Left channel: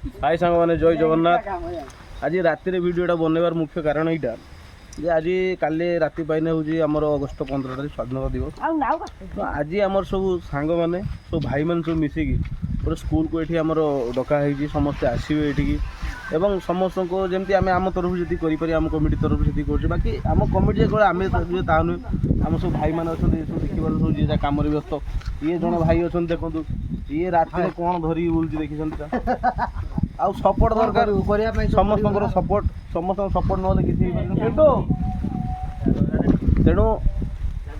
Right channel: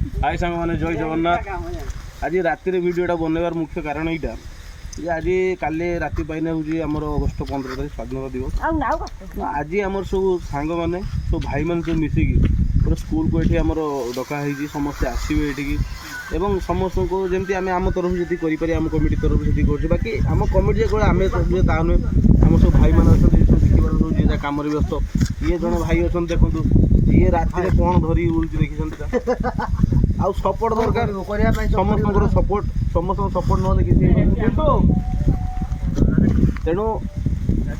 हाय सांग मैंने जय जगन्नाथ। आज राति भिडियोटा बनवार मुख्य कारण यहाँ जे आज काली राति पाइने हूँ आमर अगस्ट 15 तारीख स्वाधीनता दिवस। तो आज आमर सब सांग मैंने सब भाई मैंने सब मिसिकी पूरा स्कूल को ये आमर डकाई समस्ते आसवे ये एवं समस्त को जमी आम आम तरफ जी करें आम कमिटी तरफ से कर बाकी आम कमिटी आम ता नुहे आम सब भाई मैंने अच्छा सब देखिए सब जी कम व्यस्त ये जन भाई अच्छा देखो ये राति कौन धरी बुलूँ देखी आउ सपोर्ट दरकार समस्त सपोर्ट समस्त सपोर्ट ना तेणु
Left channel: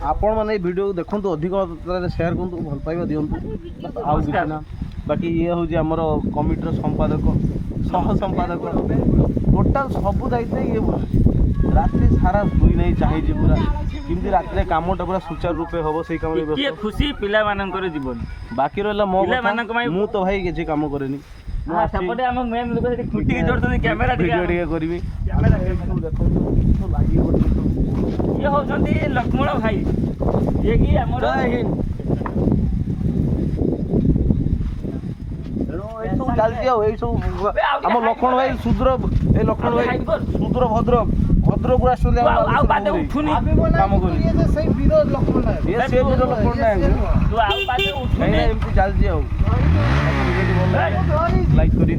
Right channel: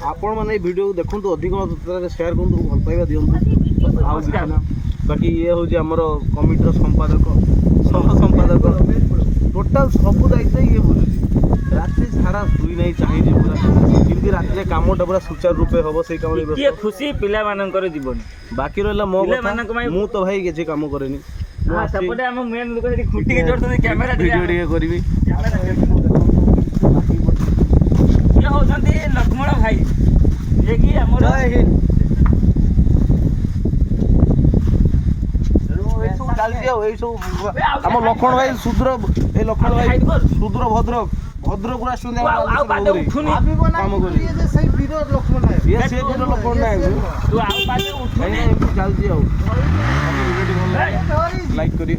आपण मैंने भिडियो देखो अधिक मात्रा सेयार करूँ भल पाइबा दिंतु आउ किसी ना बाकी ये हूँ आमर कमिटर संपादक सह संपादक टोटाल सब दायित्व ये बुझे रात्रि सारा शुई नहीं चाहिए पूरा जमी रात कमटा पूरा सुचारू रूपे हम से कम खुशी पिला मानकर जीवन बाकी रहा मो मु तो भाई किसी कम करेनि सेपटे हम मेन लोक सेठी खुटी के जोड़ते कैमरा वीडियो टिके करबी बाकी ये होछंती लक्ष्मण भाई ये कि हमर जय हिंद सब चलती आम लक्ष्मण भाई सुद्र ए लक्ष्मण भाई सुद्र भद्रक भद्रक आसुन काम कर लक्ष्मण नायक चलती लाइक करी